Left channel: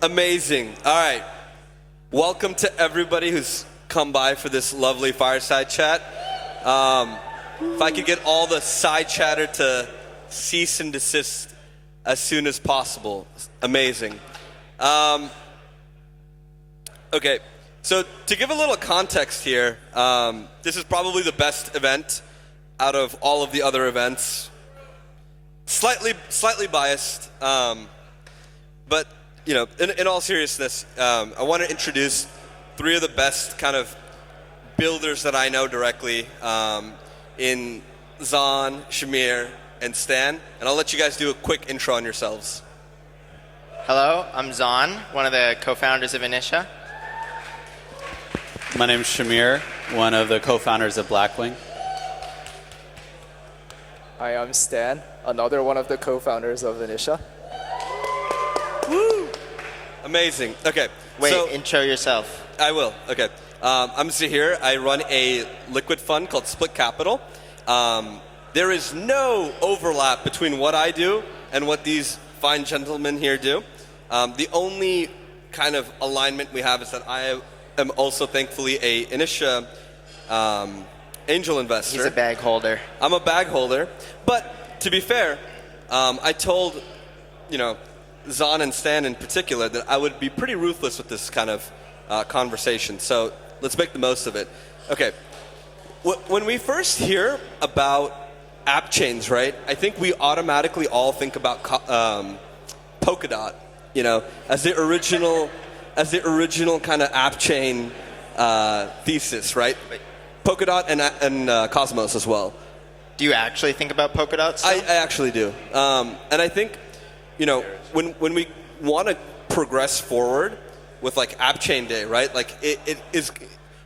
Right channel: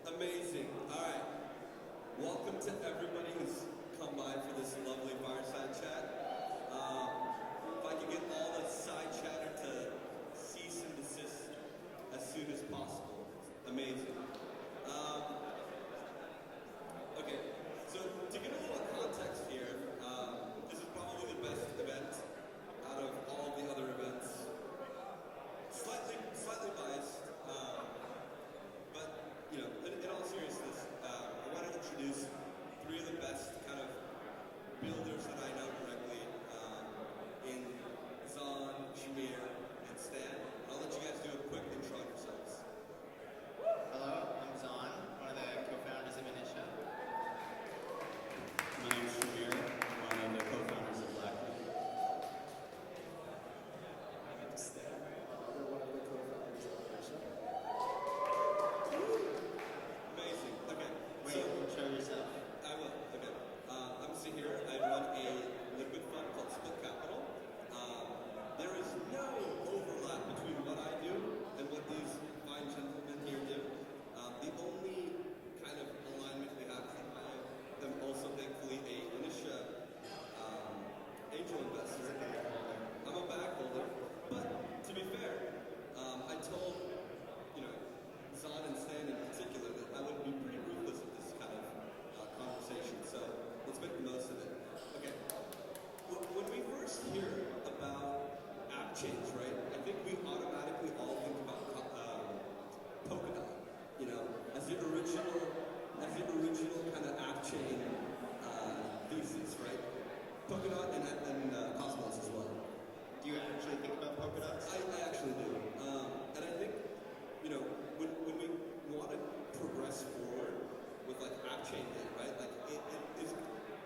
Amazing. All right. Welcome to everybody who's come by for this lovely fireside chat. If I could get all the side chatter to cease and desist as soon as possible. Amazing. Okay, so to give a little context here, this is probably the best event out of all of the other events. Slightly biased, but you know, in all seriousness, I want to introduce three of the best kind of builders that I know directly in Zon, Zaheer, and Stan, and I'll let you guys do a quick intro on yourselves. Hello, I'm Zon, one of the co-founders of Initia. My name's Zaheer, one of the co-founders of Blackwing. Hi, I'm Stan, another one of the co-founders of Initia. Woo! Amazing. Okay. Wait, so, intro yourself. I will. Okay. I'm Zaheer. I run a liquid fund called Split Capital. There is no overlap between what I do and what these fine gentlemen here do. The only kind of alignment we have is that I am also thankfully a Initia angel investor. He's a bag holder. I'm a bag holder, but to be fair, I told, Zon and Stan in particular that I would be pretty ruthless with this kind of conversation. So let's make the most of it. Okay, when we first hear about app chains, right? I think we automatically all think about Polkadot, as the original kind of app chain thesis, right? Polkadot and Cosmos as well. Do you actually think about Polkadot still? I actually do. And I think, when we want to progress forward with like Appchain Day, right? Like it is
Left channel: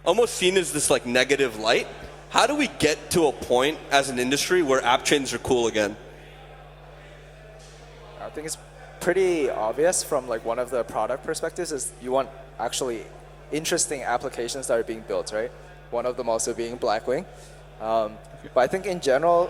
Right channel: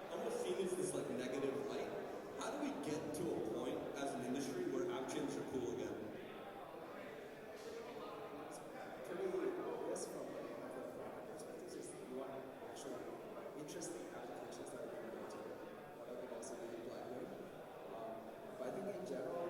almost seen as this like negative light. How do we get to a point as an industry where app chains are cool again? I think it's pretty obvious from like one of the product perspectives is you want actually interesting applications that are being built, right? One of them also being Blackwing. But I think in general,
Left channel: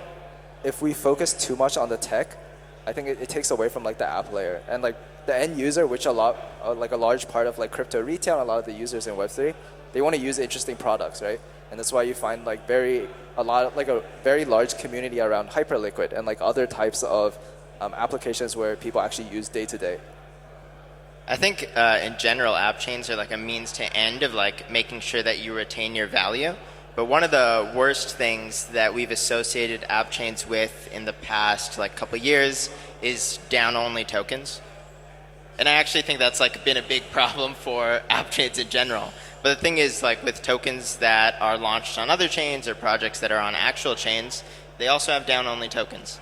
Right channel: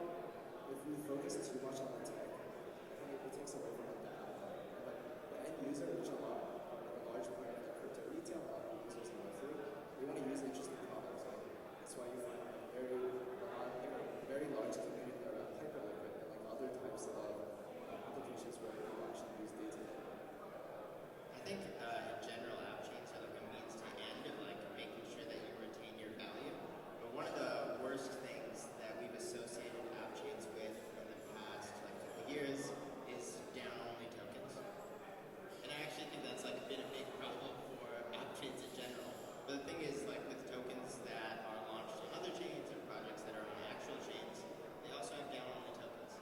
if we focus too much on the tech, I think it takes away from like the app layer and like the end user, which a large part of like crypto retail, and a lot of the users in Web3, they want to use interesting products, right? And that's why you find like a very large community around Hyperliquid and like other types of applications where people actually use day to day. I think in general, app chains are like a means to end of like making sure that you retain your value. But one of the worst things that we've associated app chains with in the past like couple years is down-only tokens. And I actually think that's like been a big problem for app chains in general. But the thing is, like with tokens that are launched on other chains or projects that are on actual chains, they also have down-only tokens.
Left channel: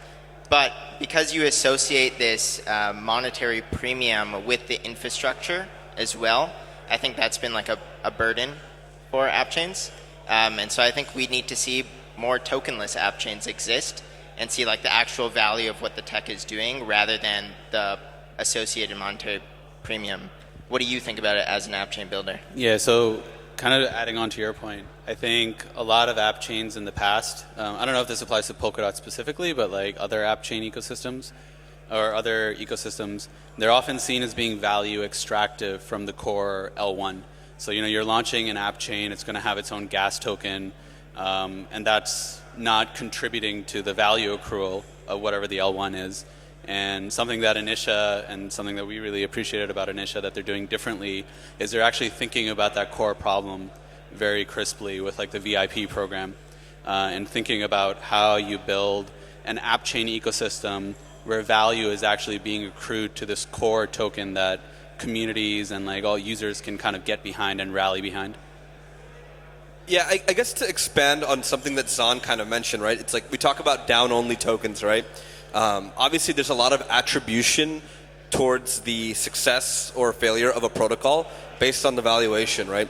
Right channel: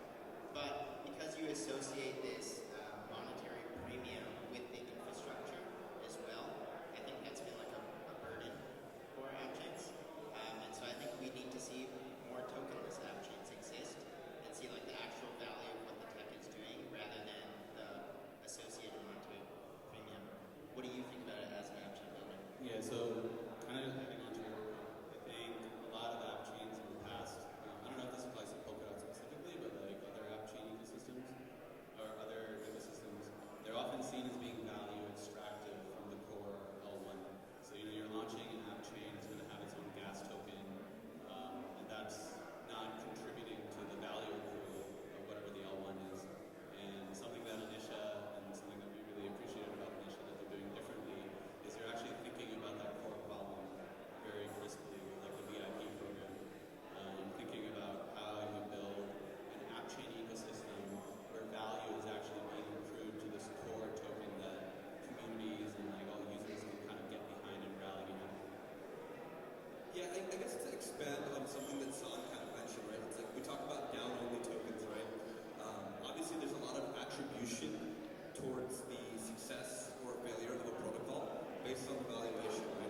But because you associate this monetary premium with the infrastructure as well, I think that's been like a burden for app chains. And so I think we need to see more tokenless app chains exist and see like the actual value of what the tech is doing rather than the associated monetary premium. What do you think about it as an app chain builder? Yeah, so kind of adding on to your point, I think a lot of app chains in the past, I don't know if this applies to Polkadot specifically, but like other app chain ecosystems or other ecosystems, they're often seen as being value extractive from the core L1. So you're launching an app chain, it's going to have its own gas token, and that's not contributing to the value accrual of whatever the L1 is. And something that Initia, and something that we really appreciated about Initia that they're doing differently, is they're actually thinking about that core problem very crisply with like the VIP program, and thinking about how you build an app chain ecosystem where value is actually being accrued to this core token that communities and like all users can kind of get behind and rally behind. Yeah, I guess to expand on something that Zon kind of mentioned, right? It's like we talk about down-only tokens, right? Obviously, there's a lot of attribution towards the success or failure of a protocol based on the valuation, right?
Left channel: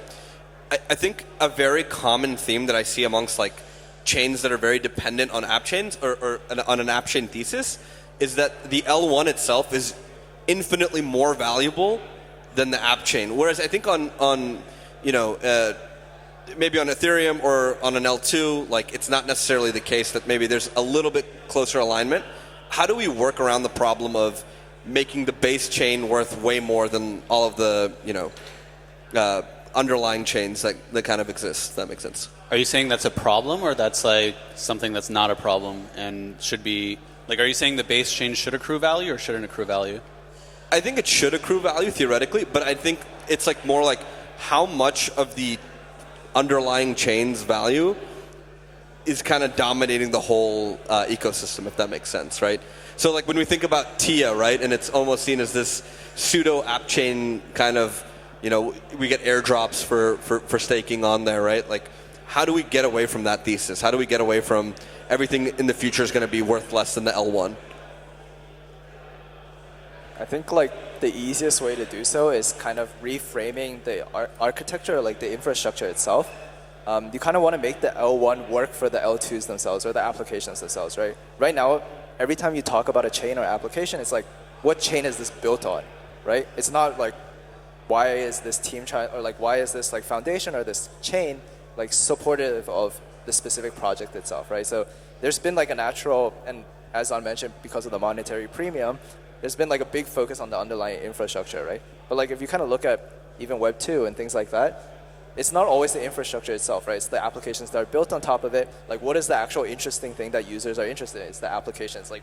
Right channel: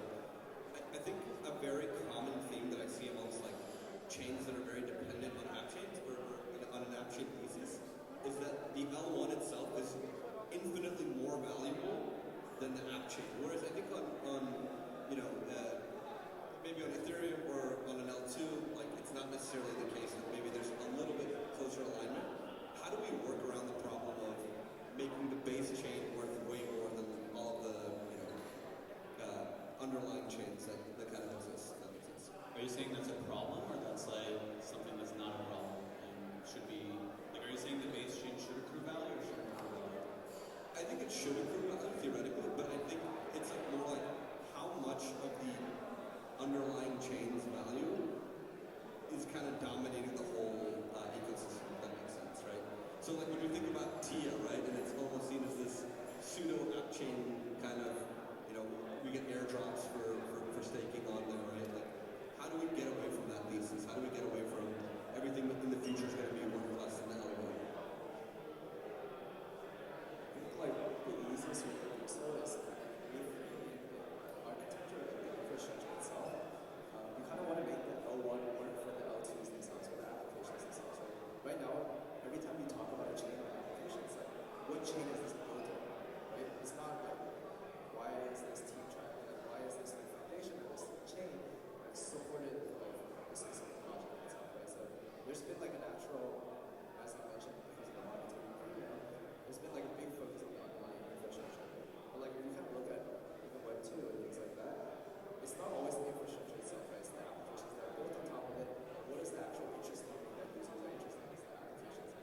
I think a very common theme that I see amongst like chains that are very dependent on app chains or on an app chain thesis is that the L1 itself is infinitely more valuable than the app chain. Whereas I think on maybe on Ethereum or on an L2, like it's not necessarily the case that maybe there's a little bit closer alignment. How do we work around the problem of making the base chain worth way more than all of the underlying chains that kind of exist. If that makes sense. Are you saying that's a problem, or that's like something that's not a problem and should be like? Are you saying the base chain should accrue value or shouldn't accrue value? I think it should accrue value theoretically, but I think it's like more like how much of the underlying chain's value is kind of dominating the whole ecosystem, if that makes sense, right? So like when we think about TIA, right, and it's almost seen as this pseudo app chain kind of, we get airdrops for staking on there, right? Like, how do we get away from that thesis? How do we get away from everything in the future is going to be worth less than the L1? I think like the easiest way to do so is kind of reframing the architecture, like the infrastructure itself. You kind of want to make the L1 work for the L2s themselves or the applications themselves, right? Right now, every time you talk about a chain or application, it's like, what chain is this built on, right? It's not like, why is this team trying, or like, why is this like foundation or this chain like supportive of the specific project itself, right? So there's been like a natural, and as Zon mentioned, because of the monetary premium, there's been like a big focus on the underlying infrastructure, right? But like if you kind of look at even Web 2 and things like that, it's not always the infrastructure itself, right? It's the applications that are built on top of it. Like what is the actual interesting thing that users are interested in? It's the applications. Like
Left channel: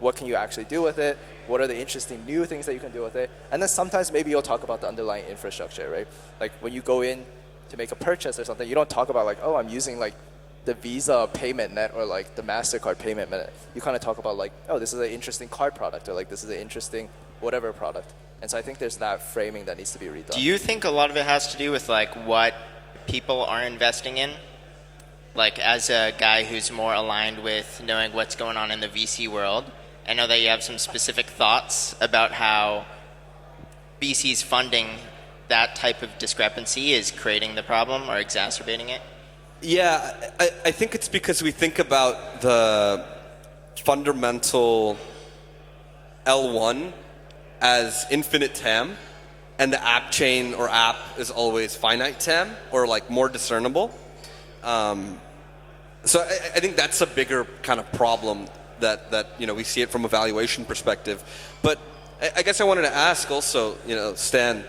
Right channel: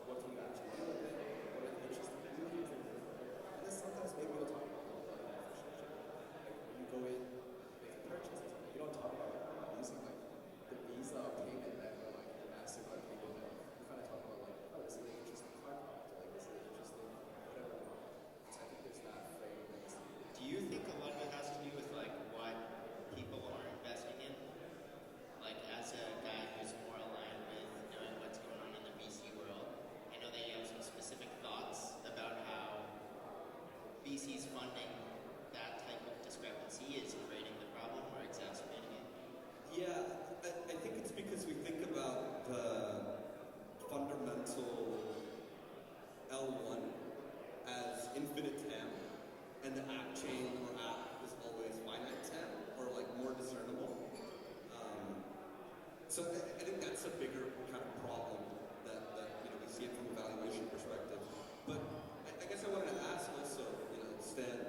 what can you actually do with it? What are the interesting new things that you can do with it? And then sometimes maybe you'll talk about the underlying infrastructure, right? Like when you go in to make a purchase or something, you don't talk about like, oh, I'm using like the Visa payment net or like the MasterCard payment net. You kind of talk about like, oh, this is an interesting card product or like this is an interesting whatever product. And so I think there's that framing that needs to be redone. Do you think a lot of it has to do with like what people are investing in? Like as a guy who's more aligned with knowing what's going on in the VC world, I know that you have some specific thoughts about how VC's funding that type of discrepancy is creating the problem or exacerbating it. Yeah, I think it's because we think about the fundamental L1 as infinite TAM, and the app chain or app is always finite TAM or like more discernible. So I think that's a bigger kind of problem that we see it from a valuation perspective. But I guess I wanted to ask also, Stan,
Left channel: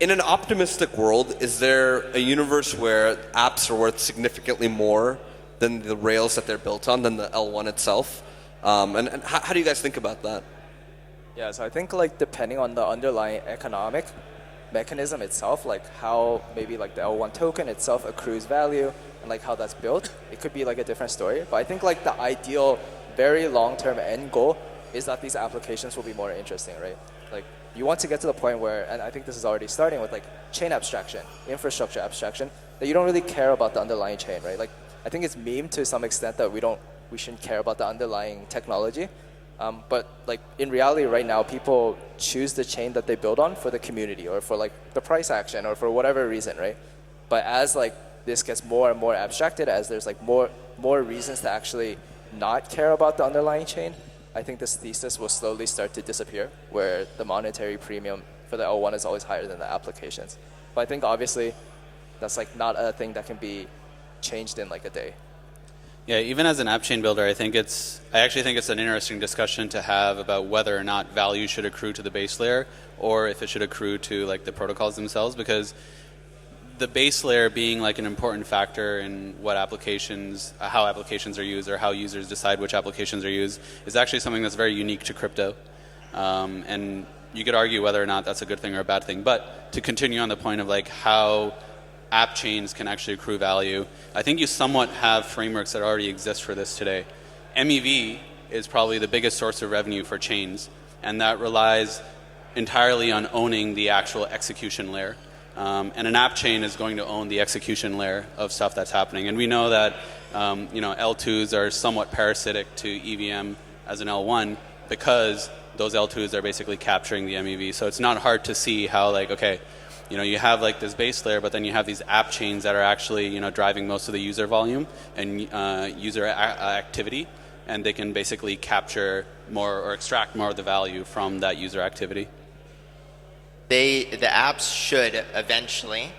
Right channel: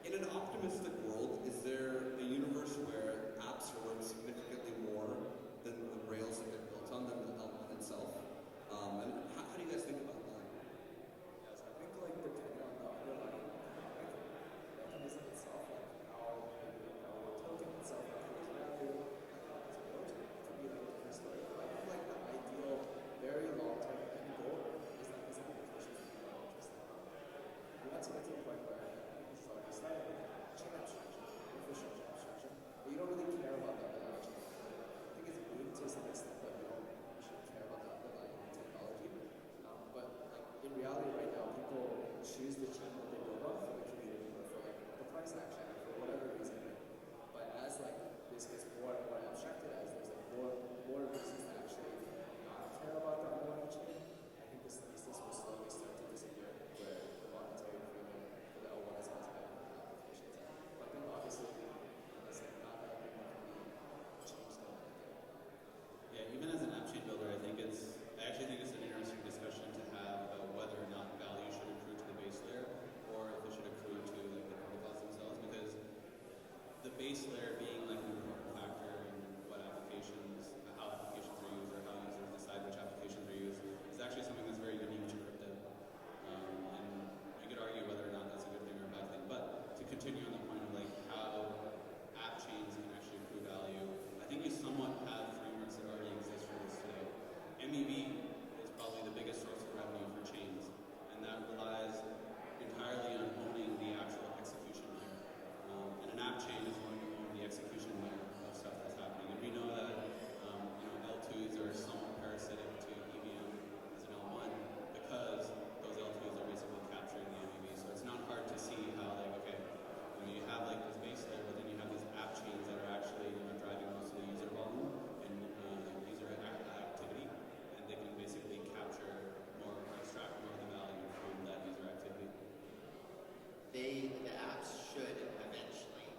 in an optimistic world, is there a universe where apps are worth significantly more than the rails that they're built on, than the L1 itself? And how do you guys think about that? Yeah, so I think like depending on the underlying economic mechanism itself, like how maybe like the L1 token itself accrues value and like how that's built, it could be like a different story. But I think like the ideal, very long-term end goal is that these applications will be more interesting, right? Like you want to get to the point where, and I think this is already starting with like chain abstraction, infrastructure abstraction, that you don't really care about the underlying chain, right? Like I think it's meme to some extent that we shouldn't care about the underlying technology. But like in reality right now, people choose the chain that they build on for the community or for like the price action or for whatever reason, right? But as like this gets more and more abstracted, as there's like more reasons to actually not care about the underlying chain, I think this thesis will slowly start to disappear, where the monetary premium for the L1 is always higher than the applications. But I think obviously that's like not a thing that can be changed in like a day. Yeah, even as an app chain builder, I actually think it's an interesting discussion to have about whether or not value should accrue to the base layer or if it should accrue to like the protocols themselves, because the base layer being like an important factor in what applications, how applications are used or how users decide which applications are used is actually something that's very unique to crypto. And you could argue whether or not that's a good thing or a bad thing. But to continue on the point of like how app chains can actually accrue value, I think you somewhat have frameworks that already exist for this today. MEV is probably the biggest source of revenue for chains, and that relies entirely on owning the actual execution layer. And an app chain is going to own the execution layer of stuff that's happening. And we know that L2s are somewhat parasitic to EVM as an L1 because those L2s are basically capturing the MEV. So it's not hard to see how like, okay, you have like this base layer, but then you have these app chains that are actually, driving most of the user volume and user activity, and they can basically capture more or extract more of the value from that user activity. The apps should eventually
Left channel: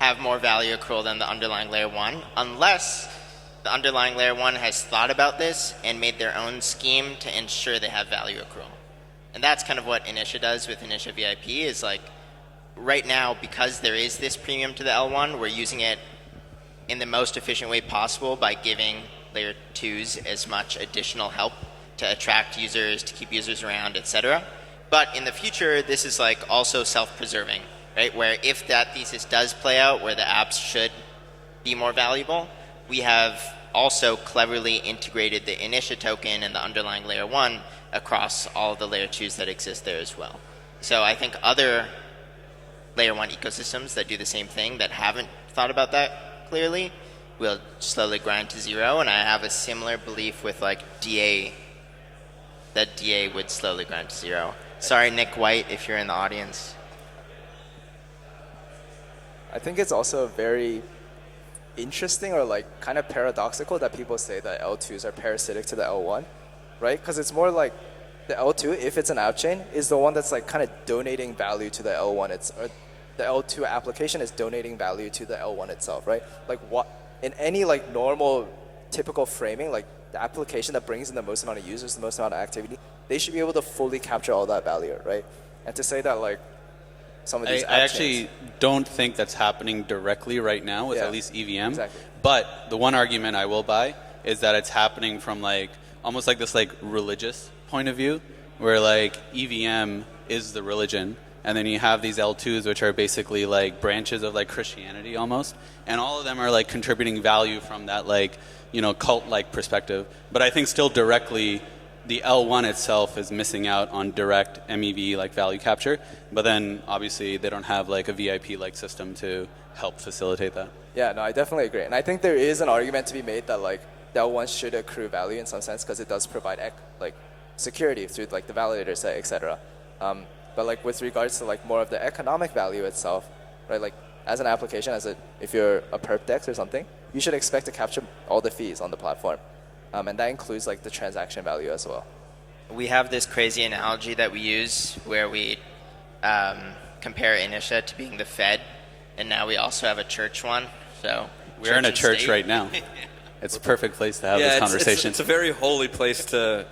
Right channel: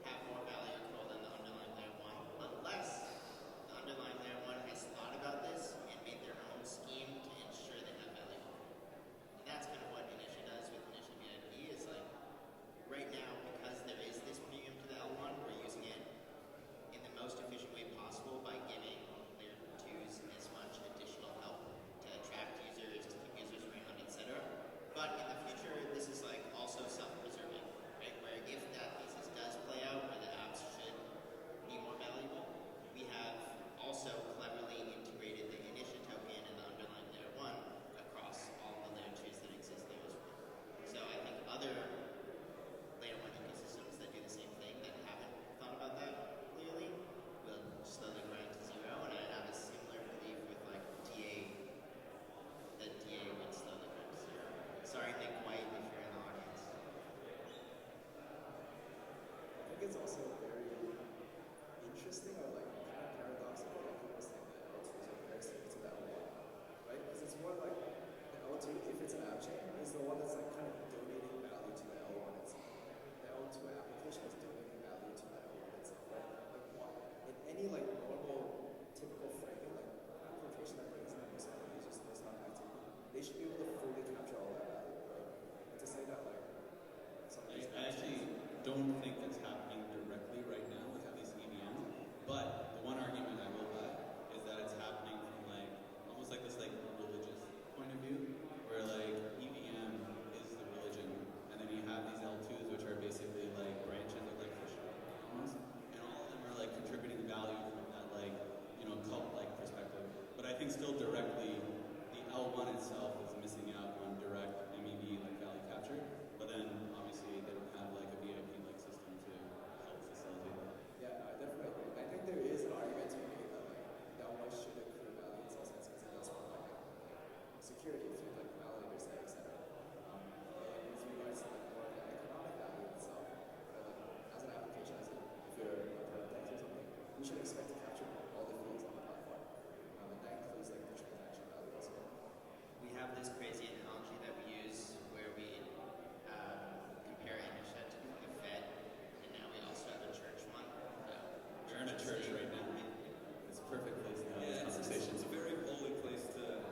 have more value accrual than the underlying layer 1, unless the underlying layer 1 has thought about this and made their own scheme to ensure they have value accrual. And that's kind of what Initia does with Initia VIP is like, right now, because there is this premium to the L1, we're using it in the most efficient way possible by giving layer 2s as much additional help to attract users, to keep users around, etc. But in the future, this is like also self-preserving, right? Where if that thesis does play out, where the apps should be more valuable, we have also cleverly integrated the Initia token and the underlying layer 1 across all of the layer 2s that exist there as well. So I think other layer 1 ecosystems that do the same thing that haven't thought about that clearly will slowly grind to zero, and I have a similar belief with like DA, that DA would slowly grind to zero. Sorry, Nick White, if you're in the audience. I think it's also very interesting or like kind of paradoxical that people say that L2s are parasitic to the L1, right? Because it's more like the L2, if it's an app chain, is the one that's like kind of donating value to the L1. Or the L2 application is donating value to the L1 itself, right? Like what in any like normal, typical framing, like the application that brings in the most amount of users, the most amount of activity, they should be able to fully capture all that value, right? And to say that like some of these I actually don't think that's happening directly right now with at least EVM. Exactly. But the one argument I will buy is that it's happening from like almost like this like religious point of view, where like EVM is the religion, and then you have these L2s which are basically like branches of like Christianity almost, and all of them are like contributing value from that like, you know, cult-like perspective. But I think still directly the L1 itself is missing out on direct MEV like value capture, but then obviously they don't have like a VIP like system to help facilitate that. Yeah, no, I definitely agree. And I think there is an argument to be made that like the L1 should accrue value in some sense because it does provide like security through like the validator set, etc. But like with regards to like more of the economic value itself, right? Like as an application, if you're a perp dex or something, you should expect to capture all the fees on the platform. And that includes like the transaction value as well. We have this crazy analogy that we use where we compare Initia to being the Fed, and now we also have a church one. So we're in a church state. right now. It's a perfect place to have this conversation. It's a very holy place to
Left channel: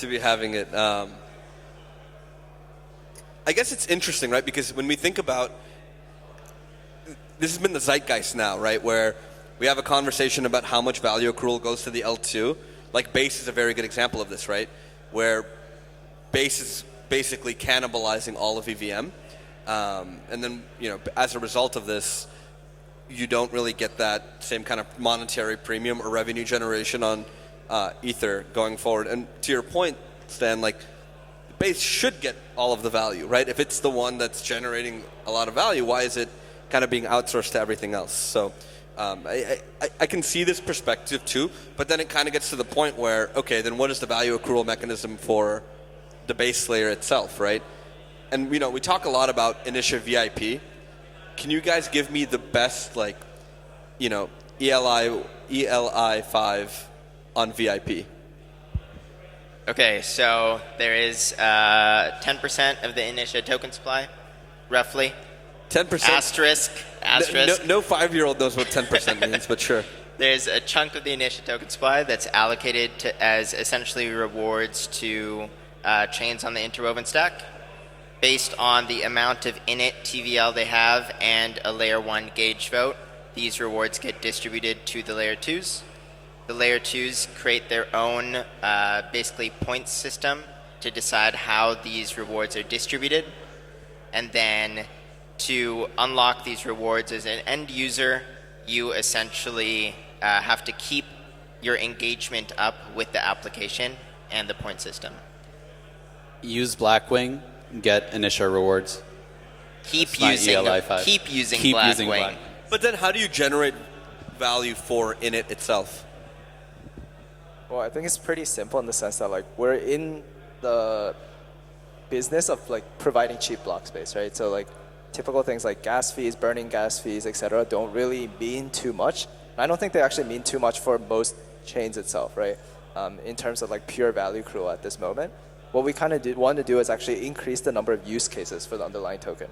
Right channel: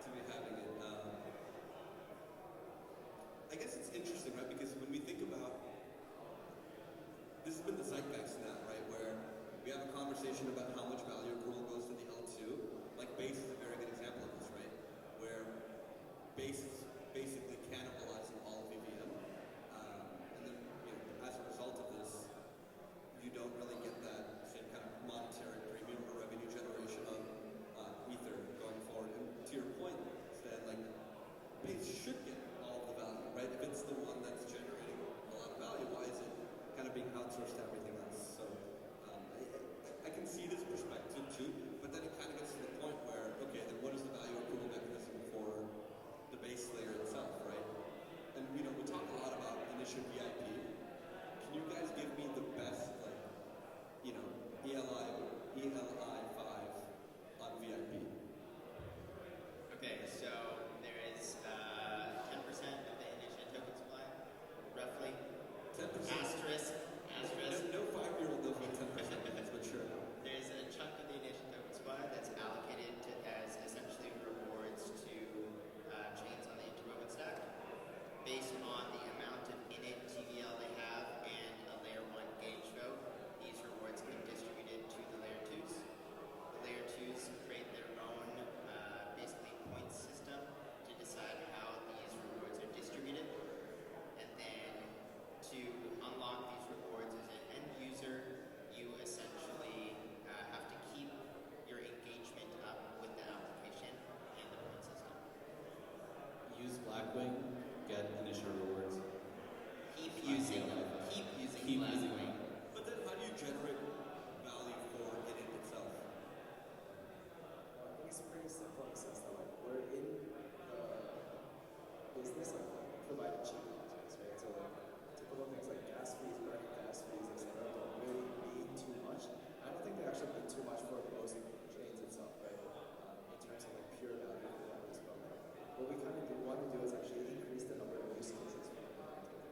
be having it. I guess it's interesting, right? Because when we think about, this has been the zeitgeist now, right? Where we have a conversation about how much value accrual goes to the L2. Like Base is a very good example of this, right? Where Base is basically cannibalizing all of EVM. And then, you know, as a result of this, you don't really get that same kind of monetary premium or revenue generation on Ether going forward. And to your point, Stan, like Base should get all of the value, right? If it's the one that's generating a lot of value, why is it kind of being outsourced to everything else? So I can see this perspective too, but then it kind of gets to the point where, okay, then what is the value accrual mechanism for the base layer itself, right? And you know, we talk a lot about Initia VIP. Can you guys give me the best, like, you know, ELI 5 on VIP? Okay, so there is 10% of the Initia token supply, roughly. 10%? Asterisk. No 5-year-old knows what 10% means, but sure. There's a chunk of the Initia token supply that's allocated to, as essentially rewards to chains on the interwoven stack, based on the amount of init TVL they have and a layer 1 gauge vote. These rewards get distributed to the layer 2s. The layer 2s create their own basically points system to decide how these rewards are distributed. And then to unlock these rewards as an end user, you essentially have to keep your engagement up with the application and the point system. Use Blackwing, get Initia rewards. Keep That's using not ELI 5. keep using Keep Blackwing. using Blackwing. But then how do you generate value for init itself? Well, I think it's pretty simple in the sense that like we're in the business of like providing cheap block space, right? So like typical things like gas fees, burning gas fees, etc., don't really mean too much. I don't think they actually mean too much for most chains itself, right? In terms of like pure value accrual at this moment. What we kind of want to do is actually increase the number of use cases for the underlying token.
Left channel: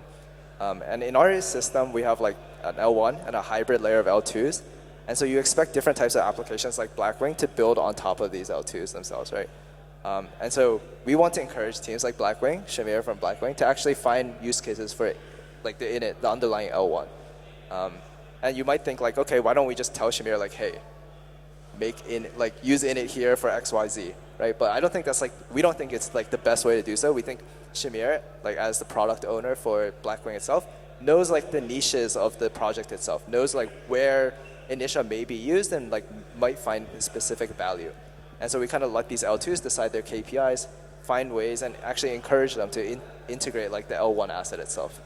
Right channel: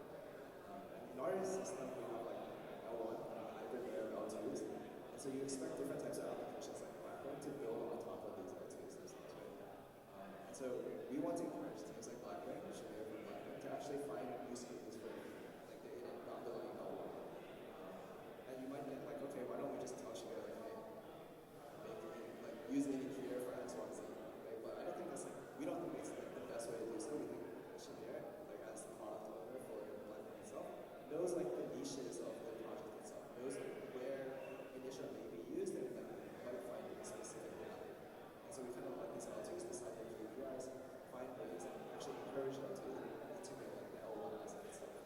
And in our system, we have like an L1 and a hybrid layer of L2s. And so you expect different types of applications like Blackwing to build on top of these L2s themselves, right? And so we want to encourage teams like Blackwing, Shamir from Blackwing, to actually find use cases for like the init, the underlying L1. And you might think like, okay, why don't we just tell Shamir like, hey, use init here for X, Y, Z, right? But I don't think we don't think it's like the best way to do so. We think Shamir, like as the product owner for Blackwing itself, knows like the niches of the project itself, knows like where Initia may be used and like might find specific value. And so we kind of let these L2s decide their KPIs, find ways, and actually encourage them to integrate like the L1 asset itself.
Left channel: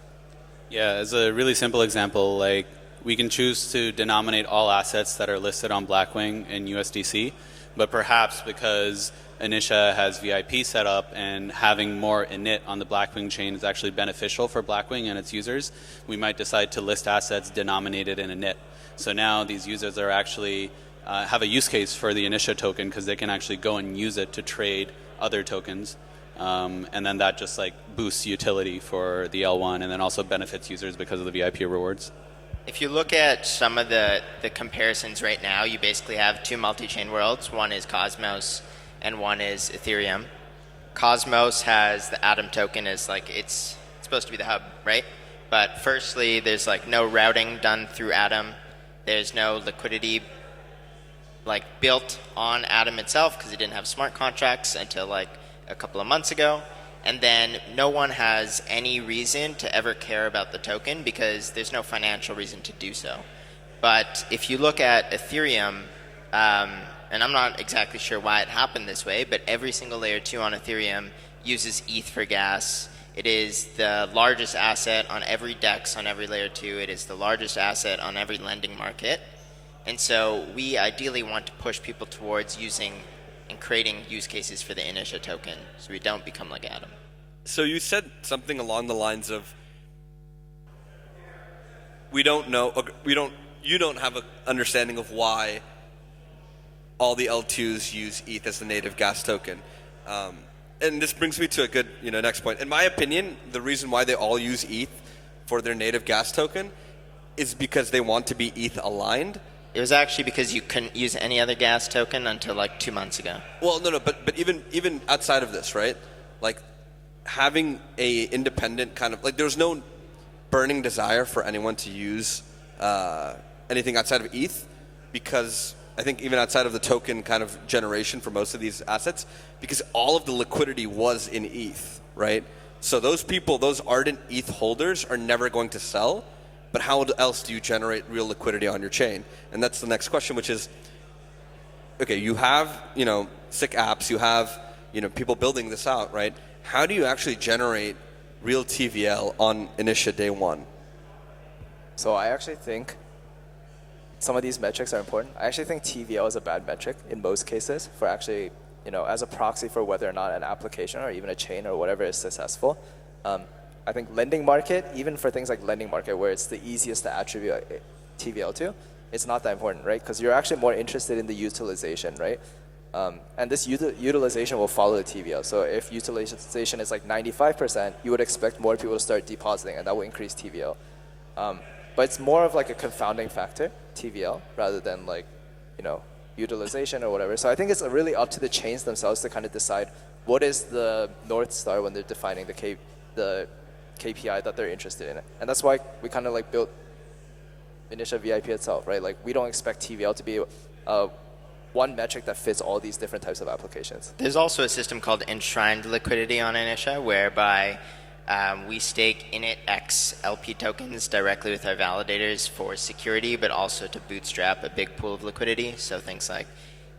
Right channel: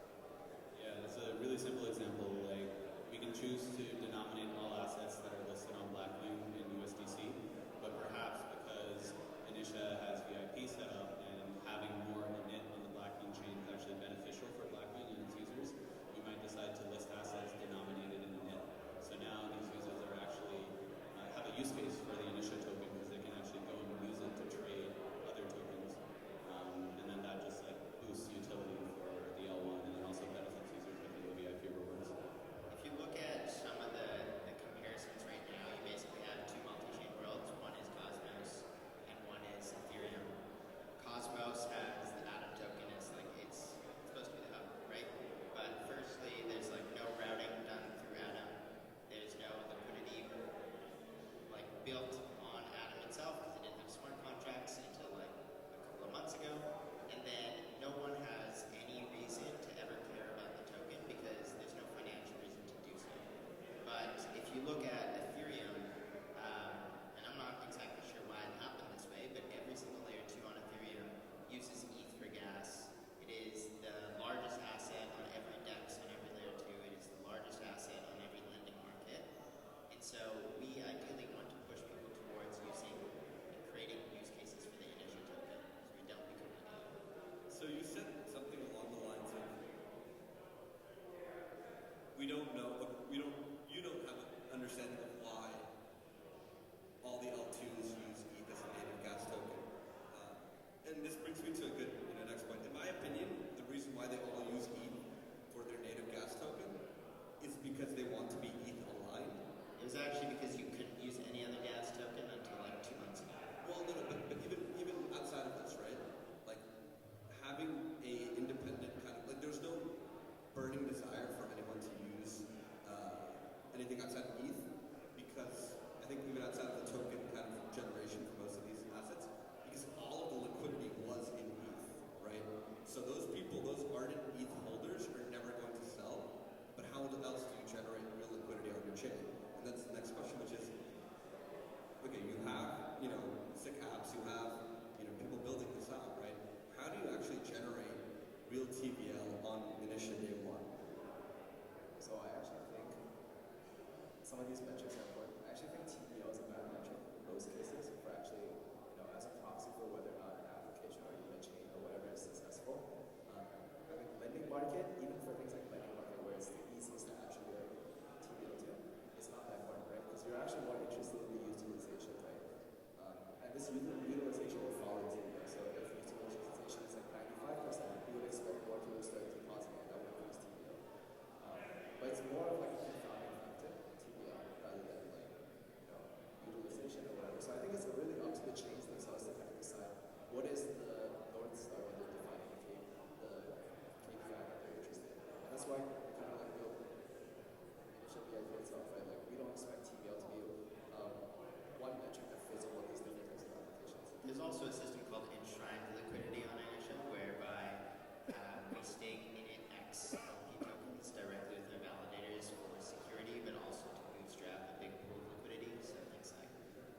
Yeah, as a really simple example, like we can choose to denominate all assets that are listed on Blackwing in USDC, but perhaps because Initia has VIP set up and having more init on the Blackwing chain is actually beneficial for Blackwing and its users, we might decide to list assets denominated in init. So now these users are actually have a use case for the Initia token because they can actually go and use it to trade other tokens. And then that just like boosts utility for the L1 and then also benefits users because of the VIP rewards. If you look at some of the comparisons right now, you basically have two multi-chain worlds. One is Cosmos and one is Ethereum. Cosmos has the Atom token as like it's supposed to be the hub, right? But firstly, there's like no routing done through Atom. There's no liquidity like built on Atom itself because it didn't have smart contracts until like a couple of months ago. And then no one has any reason to ever care about the token because there's no financial reason to do so. But if you look at Ethereum, and I'm not exactly sure why it happened this way, but every single layer 2 on Ethereum uses ETH for gas. It is the largest asset on every DEX on every layer 2. It is the largest asset on every lending market. And so we ideally want to push people towards using and creating use cases for the Initia token so we don't become like Atom. So you said something along the lines of, you don't have an understanding of why all the L2s use ETH as the native gas token. And this brings me to a good next point. In my opinion, the reason why they all use ETH for their native gas token is because they want to be ETH aligned. It was actually because you couldn't use any other gas token until like 2 months ago. Well, no, but even outside of this, right? Like having a independent kind of like there's no burning desire for anyone to use anything outside of ETH because I think even outside of the token kind of generation for most of these assets, because all of the liquidity was in ETH, right? So those people, those ardent ETH holders are never going to sell. But how else do you generate real liquidity on your chain? And that's the next question, which is, okay, you have, sick apps, you have, people building this out, right? How do you actually generate real TVL on Initia day one? So I actually think some of these metrics are important. I actually think TVL is a bad metric in most cases for actually, as a proxy for whether or not an application or even a chain or whatever is successful. I think lending market, even for things like lending market where it's the easiest to attribute TVL to, it's not that important, right? Because you're actually more interested in the utilization, right? And this utilization will follow the TVL. So if utilization is like 95%, you would expect more people to start depositing and that will increase TVL. But it's more of like a confounding factor, TVL, rather than like, utilization or whatever. So I think it's really up to the chains themselves to kind of decide what is the North Star when they're defining the KPI that they're interested in. And that's why we kind of like built Initia VIP itself, right? Like we don't expect TVL to be one metric that fits all these different types of applications. There's also a system called enshrined liquidity on Initia whereby we stake init X LP tokens directly with our validators for security, but also to bootstrap a big pool of liquidity. So things like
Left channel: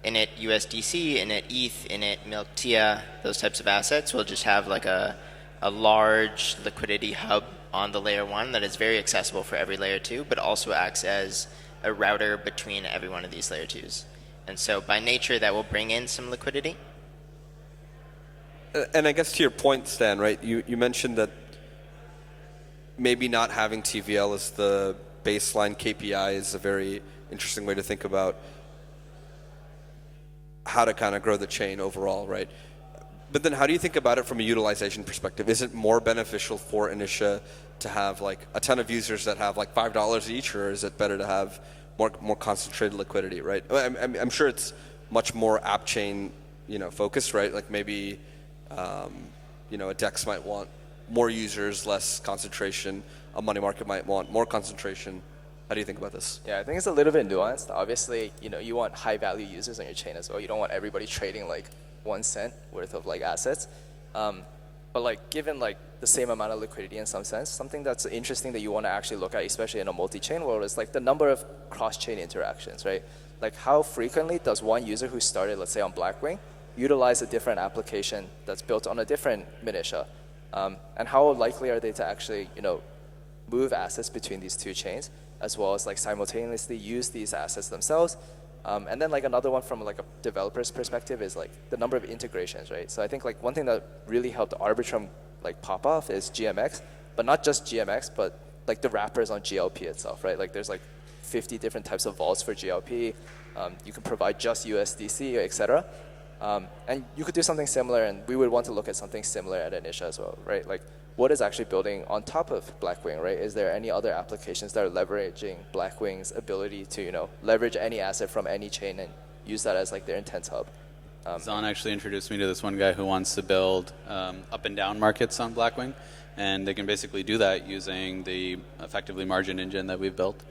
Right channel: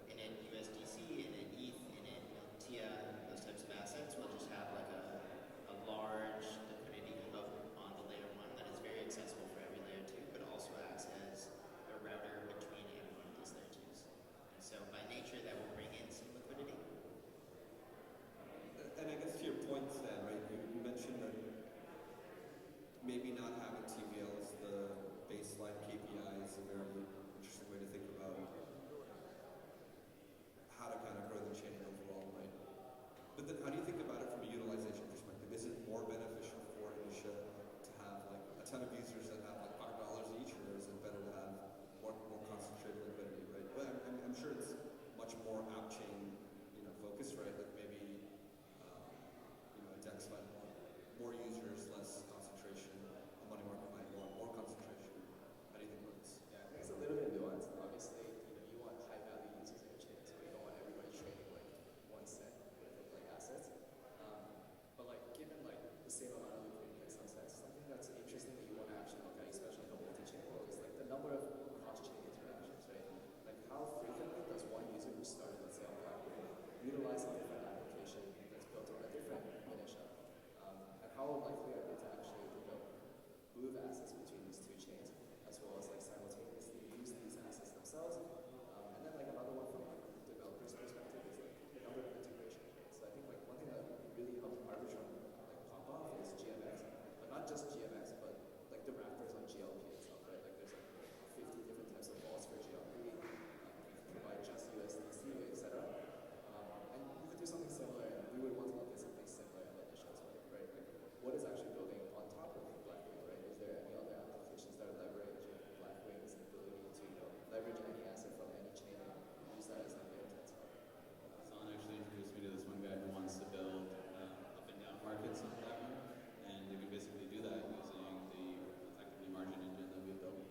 init USDC, init ETH, init Initia, those types of assets will just have like a large liquidity hub on the layer 1 that is very accessible for every layer 2, but also acts as a router between every one of these layer 2s. And so by nature, that will bring in some liquidity. And I guess to your point, Stan, right, you mentioned that maybe not having TVL as the baseline KPI is a very interesting way to think about how to kind of grow the chain overall, right? But then how do you think about it from a utilization perspective? Is it more beneficial for Initia to have like a ton of users that have like $5 each, or is it better to have more concentrated liquidity, right? I'm sure it's much more Appchain focused, right? Like maybe, a DEX might want more users, less concentration. A money market might want more concentration. How do you think about this? Yeah, I think it's a little bit nuanced. Obviously, you want high value users on your chain as well. You don't want everybody trading like 1 cent worth of like assets. But like given like the same amount of liquidity in some sense, something that's interesting that you want to actually look at, especially in a multi-chain world, is like the number of cross-chain interactions, right? Like how frequently does one user who started, let's say on Blackwing, utilize a different application that's built on a different Initia? And how likely are they to actually, move assets between these two chains, as well as like simultaneously use these assets themselves? And then like another one from like a developer's perspective is like the number of integrations, right? So I think like one thing that really helped Arbitrum like pop off is GMX, but not just GMX, but like the wrappers on GLP itself, right? Like there's like 50 different types of vaults for GLP. You can provide just USDC, etc. And you could do something similar, and we would want to look at something similar at Initia as well, right? Like what is actually building on top of Blackwing, right? Is there any other applications that are leveraging Blackwing's ability to, leverage any asset from any chain and use that as like their intense hub? Zon actually introduced me to this one guy who wants to build up and down markets on Blackwing, and they can basically do that using the effectively margin engine that we've built.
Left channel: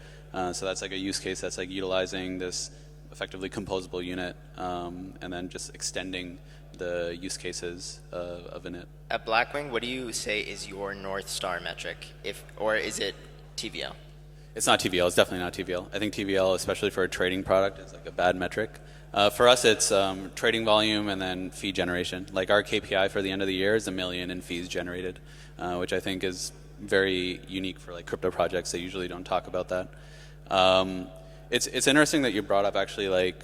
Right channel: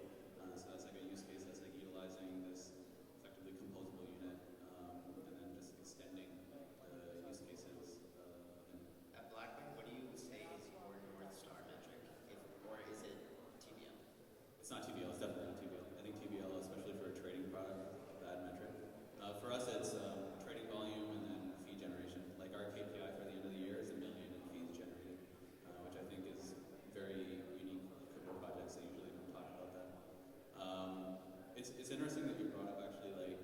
So that's like a use case that's like utilizing this effectively composable unit and then just extending the use cases of init. At Blackwing, what do you say is your North Star metric? Or is it TVL? It's not TVL. It's definitely not TVL. I think TVL, especially for a trading product, is like a bad metric. For us, it's trading volume and then fee generation. Like our KPI for the end of the year is $1 million in fees generated, which I think is very unique for like crypto projects. They usually don't talk about that. It's interesting that you brought up actually like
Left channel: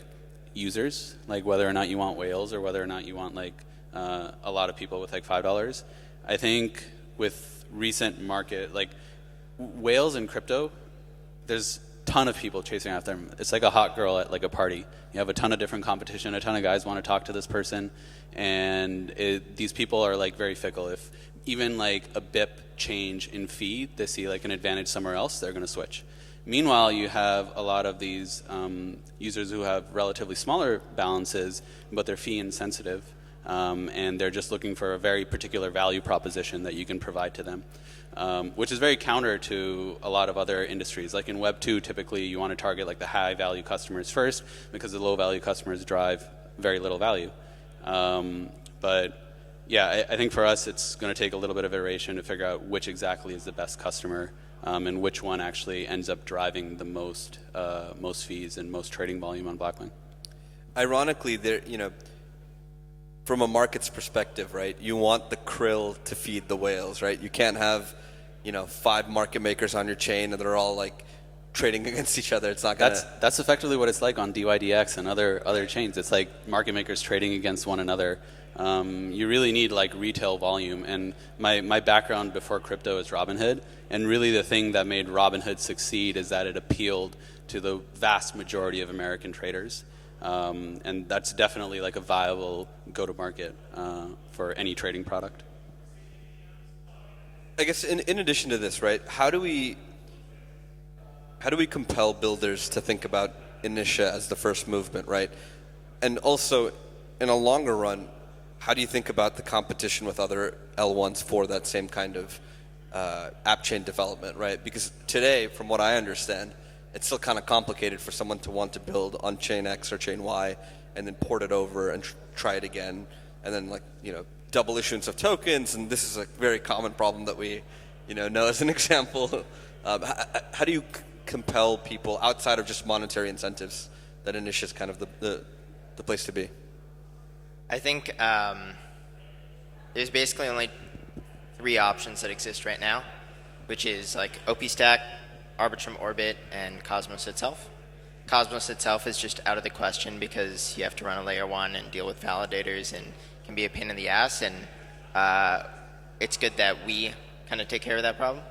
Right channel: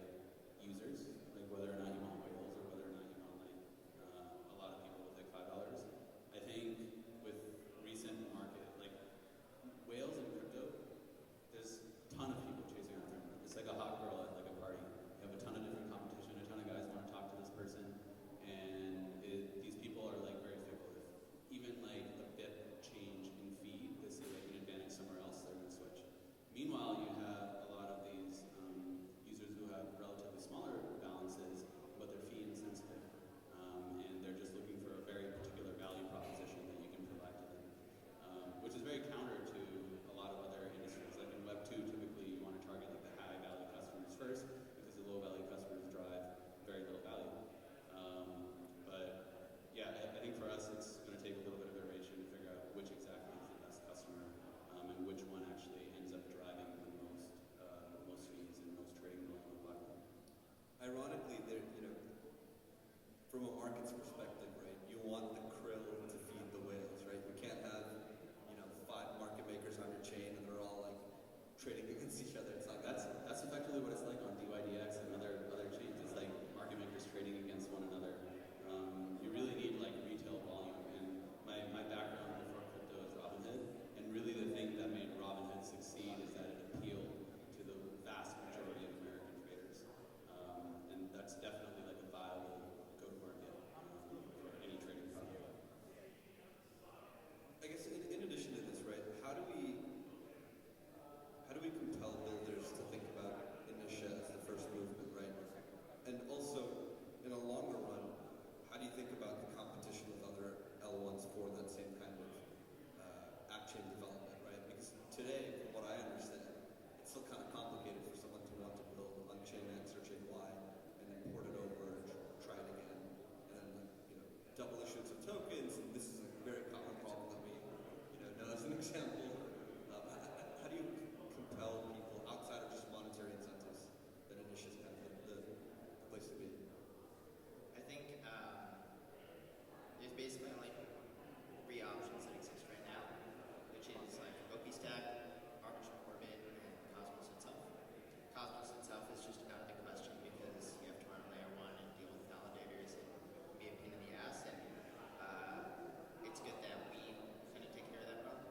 users, like whether or not you want whales or whether or not you want like a lot of people with like $5. I think with recent market, like whales in crypto, there's a ton of people chasing after them. It's like a hot girl at like a party. You have a ton of different competition, a ton of guys want to talk to this person, and these people are like very fickle. If even like a BIP change in fee, they see like an advantage somewhere else, they're going to switch. Meanwhile, you have a lot of these users who have relatively smaller balances, but they're fee insensitive, and they're just looking for a very particular value proposition that you can provide to them, which is very counter to a lot of other industries. Like in Web 2, typically you want to target like the high value customers first because the low value customers drive very little value. But yeah, I think for us it's going to take a little bit of iteration to figure out which exactly is the best customer. And which one actually ends up driving the most fees and most trading volume on Blackwing. Ironically, from a market's perspective, right? You want the krill to feed the whales, right? You can't have, 5 market makers on your chain and they're all like trading against each other. It's not gonna. That's effectively what it's like on DYDX and other chains. It's like market makers trading against one another. You really need like retail volume, and my background before crypto is Robinhood, and really the thing that made Robinhood succeed is that it appealed to the vast majority of American traders, and that's definitely like a viable go-to-market for any trading product. I guess in addition to this, right? How do we compel builders to think about Initia as the first movement, right? And also, in a longer run, how do you think about the competition with other L1s for that same kind of app chain development, right? Because today, from what I understand, it's still kind of complicated for someone to want to build on chain X or chain Y and then port it over and try it again, and then double issuance of tokens. And this is a very common problem that we know as an example. How do you compel people outside of just monetary incentives that Initia is kind of the place to be? I think there's basically only 3 options that exist right now, which is like OP Stack, Arbitrum Orbit, and Cosmos itself. Cosmos itself is just out of the question because you have to run a layer 1 and deal with validators and can be a pain in the ass, and it's good that we kind of take care of that problem.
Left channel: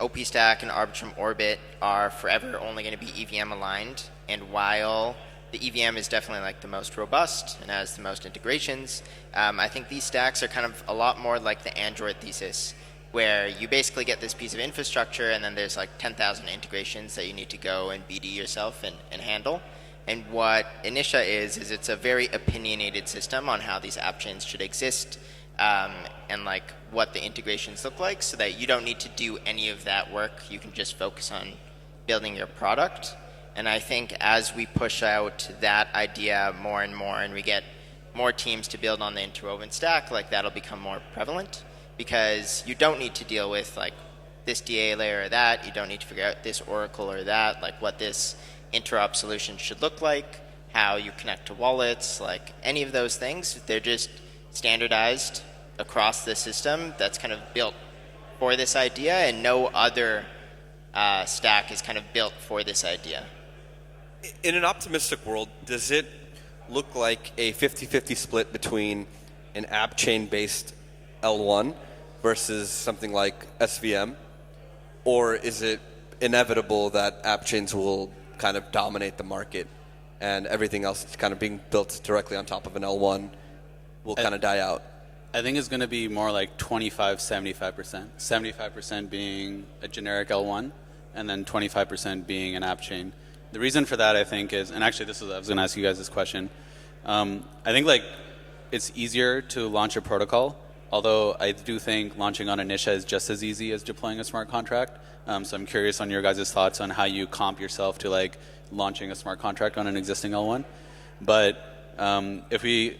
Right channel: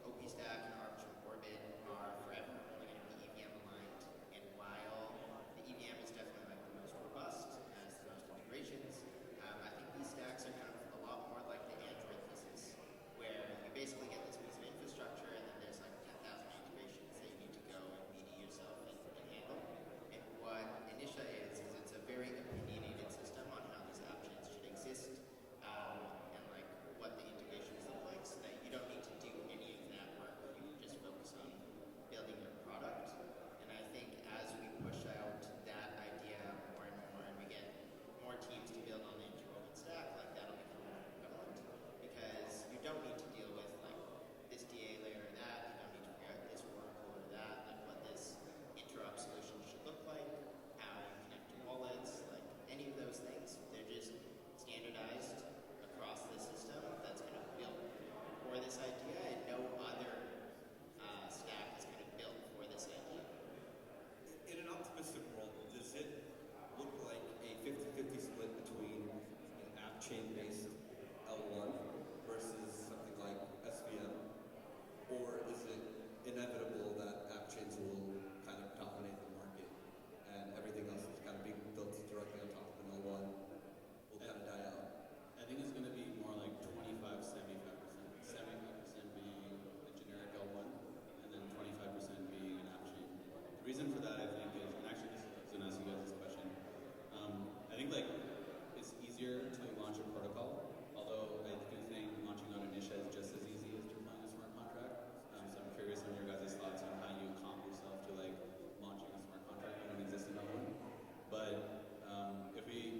OP Stack and Arbitrum Orbit are forever only going to be EVM aligned, and while the EVM is definitely like the most robust and has the most integrations, I think these stacks are kind of a lot more like the Android thesis, where you basically get this piece of infrastructure and then there's like 10,000 integrations that you need to go and BD yourself and handle. And what Initia is it's a very opinionated system on how these app chains should exist, and like what the integrations look like, so that you don't need to do any of that work. You can just focus on building your product. And I think as we push out that idea more and more, and we get more teams to build on the interwoven stack, like that'll become more prevalent, because you don't need to deal with like this DA layer or that. You don't need to figure out this Oracle or that, like what this interop solution should look like, how you connect to wallets, like any of those things. They're just standardized across the system that's kind of built for this idea, and no other stack is kind of built for this idea. In an optimistic world, does it look like a 50-50 split between an app chain based L1 versus something like SVM? Or is it inevitable that app chains will kind of dominate the market and everything else that's kind of being built directly on top of an L1 will kind of die out? I think it's going to be more like 25-75%. 75% being a generic L1, and then 25% being an app chain. The reason for that, I think, is, and actually I was going to ask you guys this question. I think like it's easier to launch a protocol, although I do think launching on Initia is just as easy as deploying a smart contract. So I'm curious on your guys' thoughts on how you comp yourself to like launching a smart contract on an existing L1. But if we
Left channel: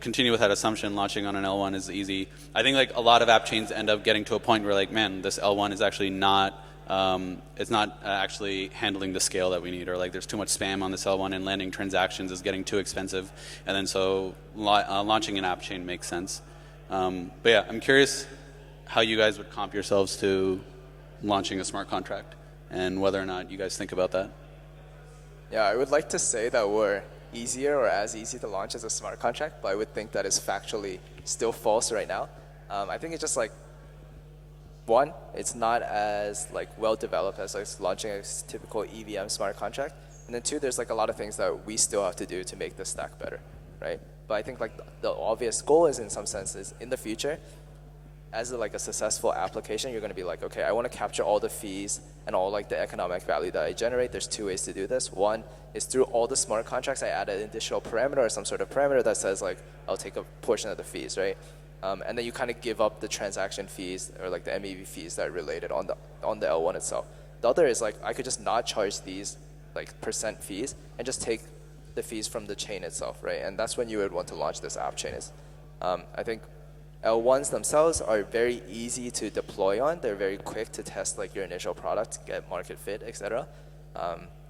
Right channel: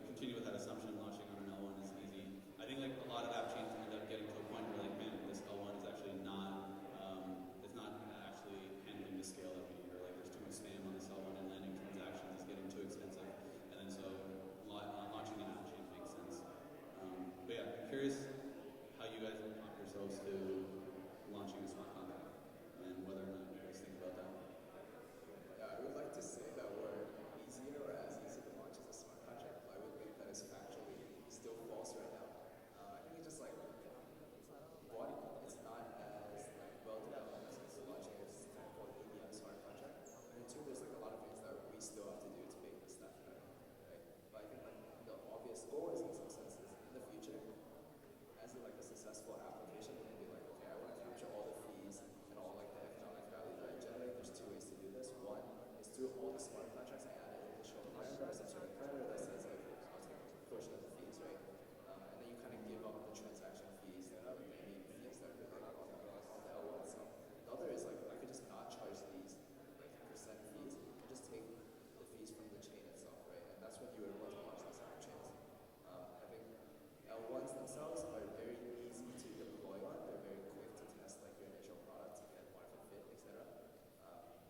continue with that assumption, launching on an L1 is easy. I think like a lot of app chains end up getting to a point where like, man, this L1 is actually not, it's not actually handling the scale that we need, or like there's too much spam on this L1 and landing transactions is getting too expensive. And then so launching an app chain makes sense. But yeah, I'm curious how you guys would comp yourselves to launching a smart contract and whether or not you guys think about that. Yeah, I would like to say that we're easier or as easy to launch as a smart contract, but I would think that is factually still false right now. I think it's just like, one, it's not as like well developed as like launching a typical EVM smart contract, and then two, there's like a lot of things that we still have to do to make the stack better, right? But I think like the obvious goal is, in some senses, in the future, as like a successful application, you're going to be like, okay, I want to capture all the fees and all like the economic value that I generate. There's two ways to do this. One is through all the smart contracts, I add an additional parameter or some sort of parameter that says like, I'll take a portion of the fees, right? And then you kind of give up the transaction fees or like the MEV fees that are related on the L1 itself. The other is like, I could just not charge these like percent fees and just take the fees from the chain itself, right? And that's when you would want to launch this app chain. I think L1s themselves are very easy to deploy on. They're very quick to test like your initial product, get market fit, etc.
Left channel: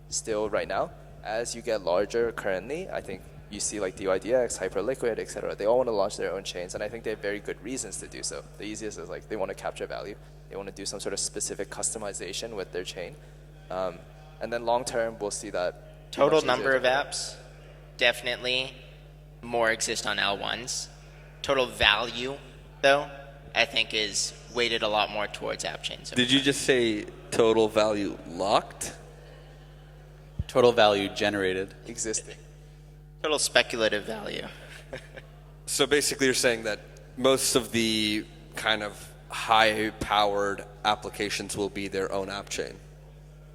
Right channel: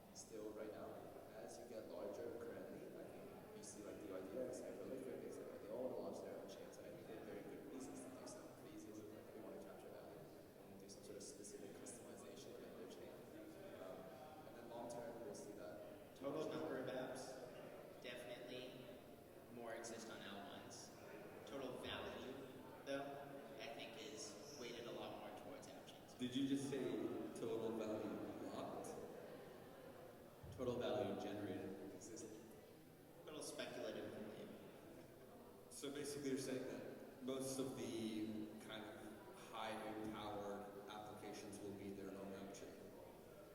Still right now, as you get larger currently, I think you see like DYDX, Hyperliquid, etc. They all want to launch their own chains, and I think they have very good reasons to do so. The easiest is like they want to capture value. They want to do some sort of specific customization with their chain. And then long term, we'll see that Total number of apps, definitely more exist on L1s. Total value, though, I think is weighted a lot more towards app chains. Did you just say total value locked? Total value generated. existing. Total speculative value. So basically you're saying that most of the kind of high-powered applications will be their own app chain.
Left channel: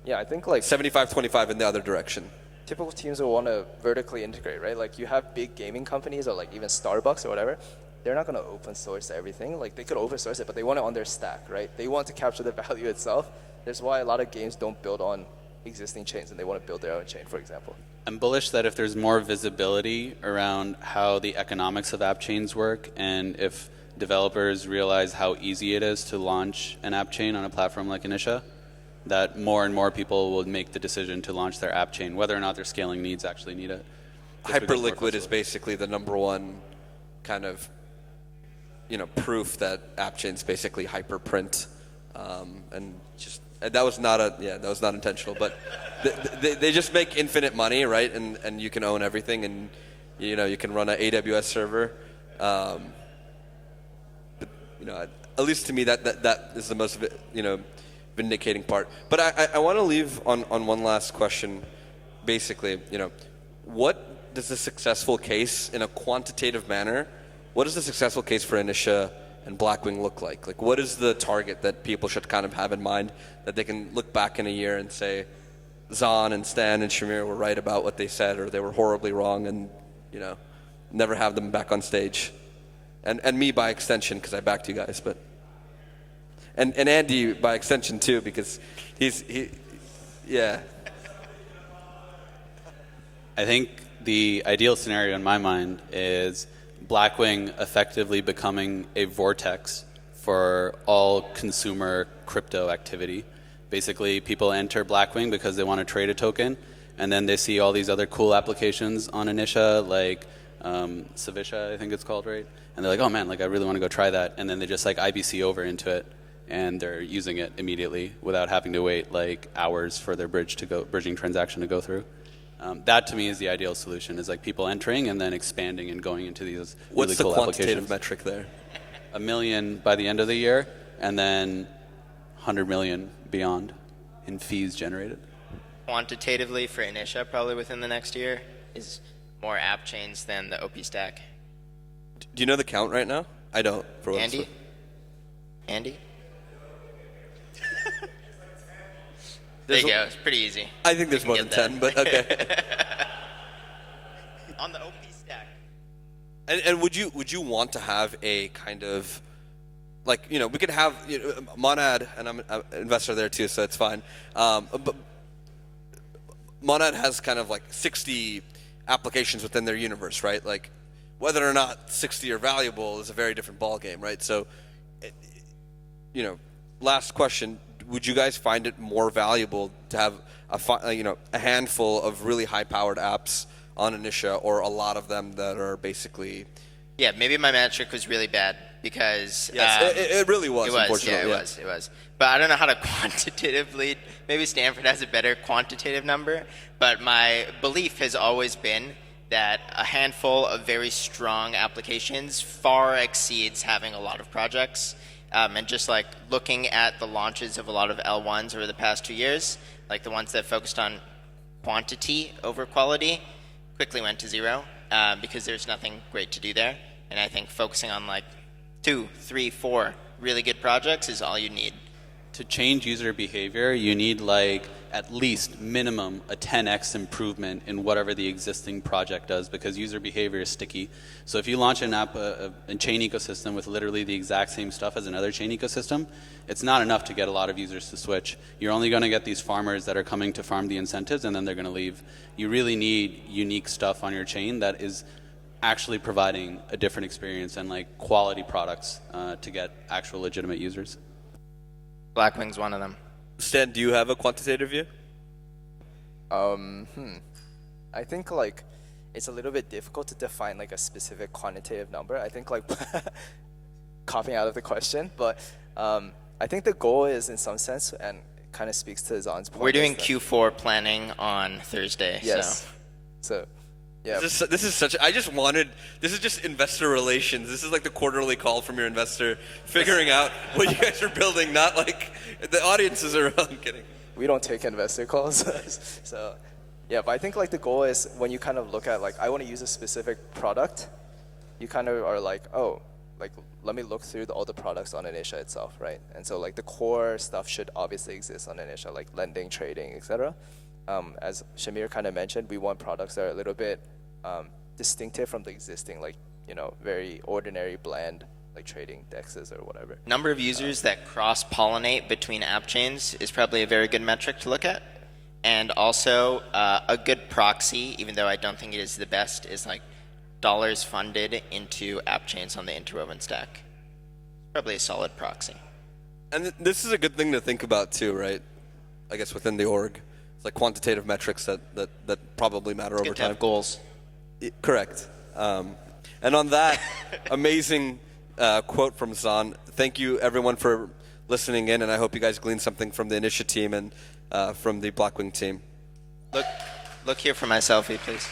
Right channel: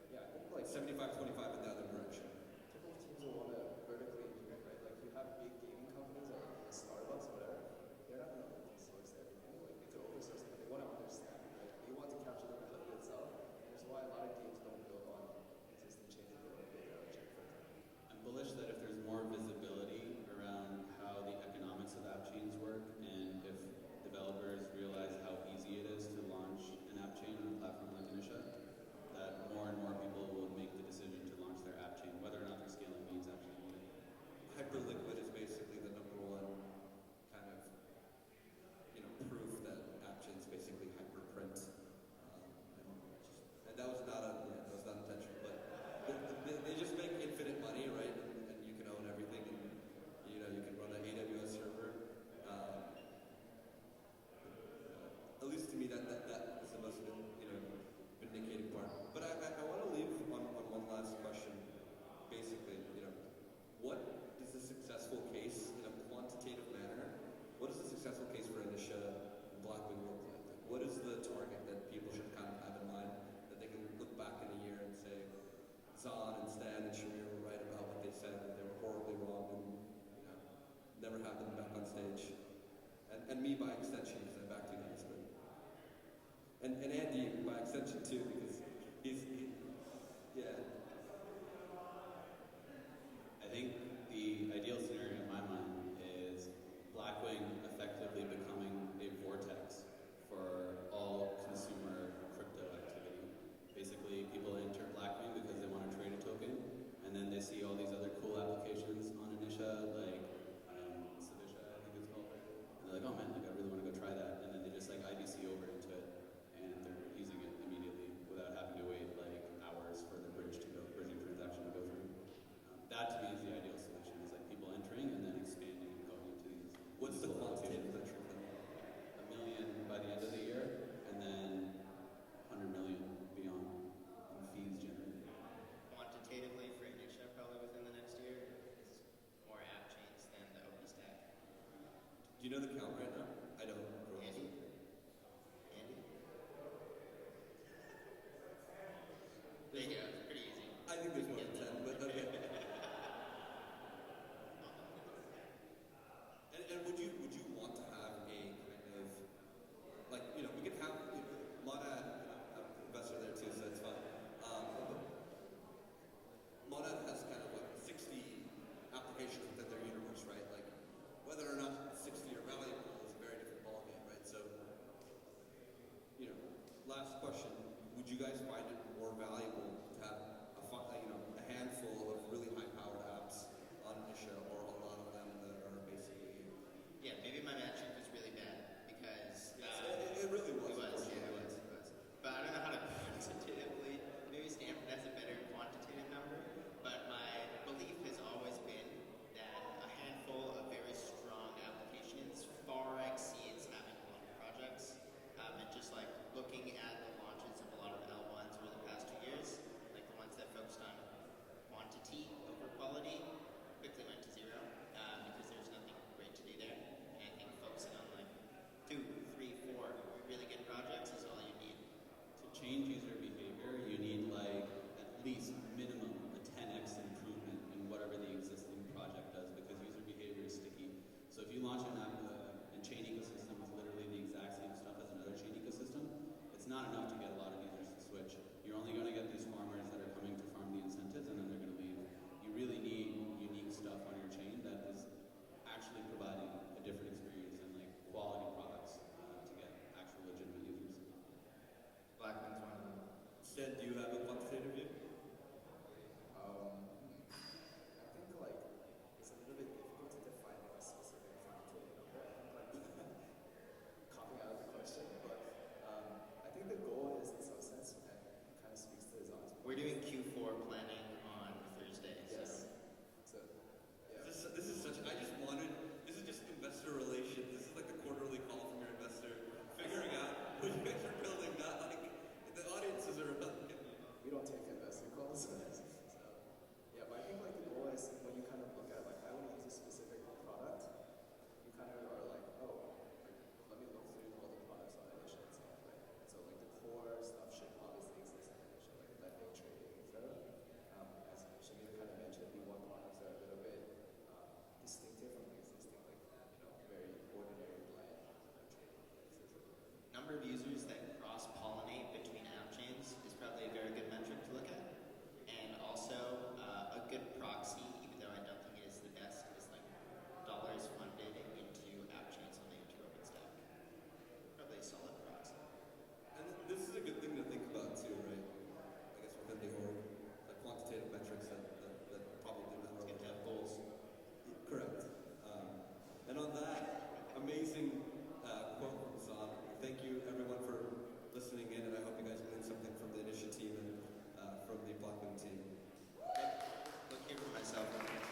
Yeah, I think like 75-25 in the other direction. typical teams will want to vertically integrate, right? Like you have big gaming companies or like even Starbucks or whatever. They're not going to open source everything. Like they could open source it, but they want it on their stack, right? They want to capture the value itself. That's why a lot of games don't build on existing chains and they want to build their own chain, for example. I'm bullish that if there's more visibility around how the economics of app chains work, and if developers realize how easy it is to launch an app chain on a platform like Initia, that more and more people will make the decision to launch their app chain, whether or not their scaling needs actually need it. Hyperliquid is basically the number one kind of, proof that app chains basically hyperprint, and that was not intentional, but they just make infinite money, right? And you can own everything, and you can run an AWS server. But at least to me that is the most vindicating part. But I want to leave on one last question. Basically, what does a successful case in a quantitative manner? What does the successful case for Initia and Blackwing look like? Like, what is the target that people should kind of have in mind that they can look back in a year and say, Zon and Stan and Shamir were right about what they said, or they were horribly wrong, and never have them back on stage, and me by extension because I backed you guys, but and Andy by extension too because yeah. I think the ideal scenario in my mind is Blackwing effectively becoming a vortex for all consumer crypto activity. Basically, people enter Blackwing because they want to trade a token, and then they see all these other cool applications on Initia, like Savisha, I think it's called, right? And they're like, oh man, like I really want to go try that. And then they just like IBC over into it, and they're using it immediately without having to wait like hours for their bridging transaction to go through. That to me is the ideal solution, is like people entering and then expanding and going into these What's really cool the quantitative applications. metric there? 1 million by the end of the year, and then 100 million beyond in fees generated. Quantitatively for Initia, probably within the next year, is more app chains than the OP stack. Do you know the count right now? I don't. For what it's Andy? worth. Andy? There you go. It's pretty easy. I think there's can more than get that. 10, but okay. On the OP stack. And would you want to have a kind of, like, we could have, Monad, and I'm an investor there too, so it's fine. But Monad has kind of like 60 applications within their universe, right? Like, whether or not 60 are valuable is a very different ballgame, right? So, last question. Would you guys find it more valuable to have a handful of really high-powered apps on Initia, or a lot of them that are basically? Yeah, maybe my metric was really bad because Yes, it really was. It was, unfortunately. yeah, it was. But I don't know how to quantitatively. Maybe Stanford has a better quantitative number. But my belief has always been that a handful of very strong applications far exceeds having a lot of projects. And just like looking at the launches of a lot of L1s over the past 2 years, like the ones that focused on quantity over quality, quickly went to zero because there's nothing great to do there. And I think focusing on like 2, 3, 4 really good projects is all you need. To change user behavior, you need like at least minimum a 10x improvement in whatever the existing project does, because user behavior is sticky. So if you launch an app, a chain ecosystem with literally the exact same stuff as another chain ecosystem, it's not enough to get a lot of users to switch. You're only going to get these farmers that are coming to farm the incentives, and then they're going to leave. You really need unique stuff on your chain that is actually providing a different experience and like quality products to get actual legitimate users. Blackwing's one of them. Stan, do you have a quantitative view? I think like it's a little bit difficult to define like a specific quantitative number. I think like copying out of the question, but I think the goal is in some sense, and kind of speaks to Zon's point. We're doing Q4 planning on Thursday. Yes. So yeah. This is just investor relations. This is like the quarterly call from your investor, figuring out what you guys are building, not like the audiences are. I'm kidding. We don't take investor calls. So yeah, but I think like the goal is when you kind of look at like I want to use a specific product, you kind of are like, oh, like let me look through all the products on Initia itself, right? And so like the core stuff should obviously exist on Initia, like lending, trading, etc. As Shamir kind of mentioned, we want products that are a little bit distinctive from the existing, like very ordinary, bland, like trading dexes or whatever. Number of users that cross-pollinate between app chains is probably a very good metric to look at. And also a good proxy, even though I don't think it is the best, is like dollars funded into app chains on the interwoven stack. Probably a solid proxy. And this is a good thing to think about too, right? I guess within the org, it's like quantitative metrics that probably matter over Good to time. have goals. Correct. And on that amazing quote from Zon, thank you everyone for listening in, and I hope you guys gleaned something from the Initia team and from the Blackwing team. Look here for my selfie, please.